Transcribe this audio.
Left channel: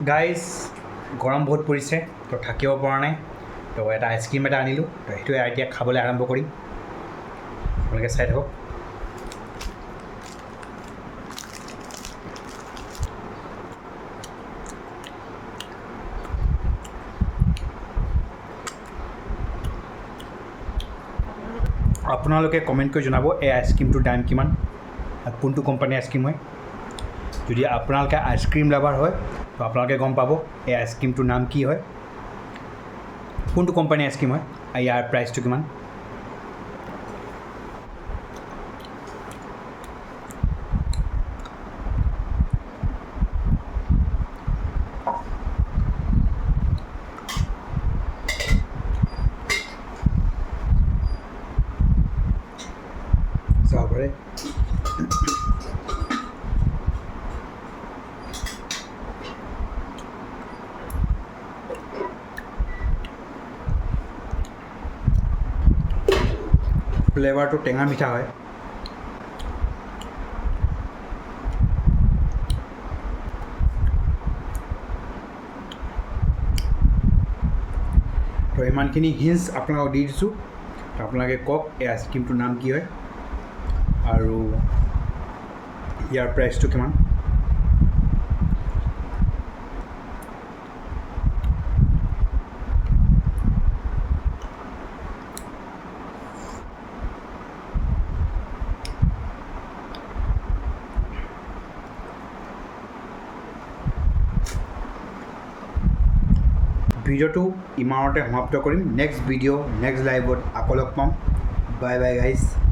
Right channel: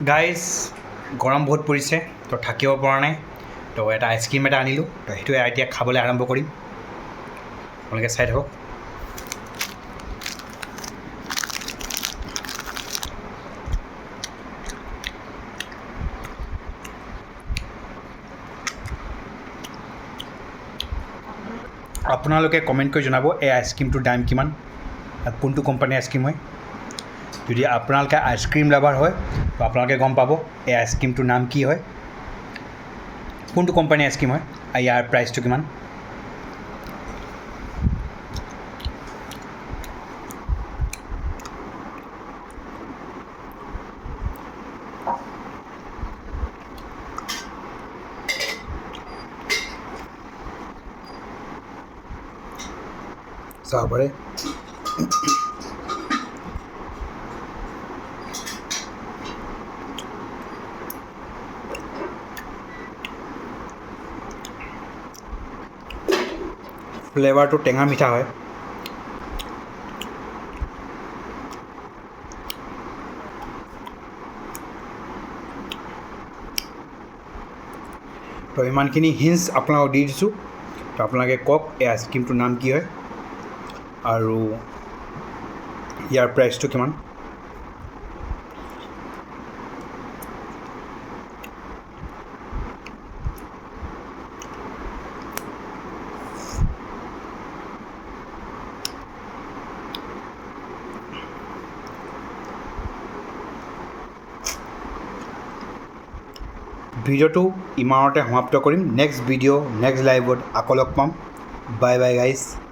guys গৰম বহুত পৰিছে তো থাকিব পৰা নাই তো এটা আইচক্ৰীম এটা আনিলোঁ তো সেইটোৱে এতিয়া খাবলৈ আৰম্ভ কৰিম আপোনালোকে চাই থাকক আপোনালোকে কমেণ্ট কৰি জনাব এই আইচক্ৰীমটোৰ দাম কিমান আৰু কোনটো কোম্পানীৰ আইচক্ৰীম হয় যদি আপোনালোকে আইচক্ৰীম লাভাৰ হয় তো আপোনালোকে গম পাব এই আইচক্ৰীমটোৰ নাম কি হয় কোনটো কোম্পানীৰ আইচক্ৰীম হয় আৰু ইয়াৰ প্ৰাইচটো কিমান চাব পাৰে ফ্লেভাৰটো টেঙা মিঠা হয় তো ইমানখিনি হিণ্টছ আপোনালোকক দি দিছোঁ তো আপোনালোকে কওক এই আইচক্ৰীমটোৰ নাম কি হয় আৰু ইয়াৰ প্ৰাইচটো কিমান ভিডিঅ'টো ইমানতে সমাপ্ত কৰিম নেক্সট ভিডিঅ' নেক্সট লাইভত আকৌ লগ পাম বাই বাই গাইজ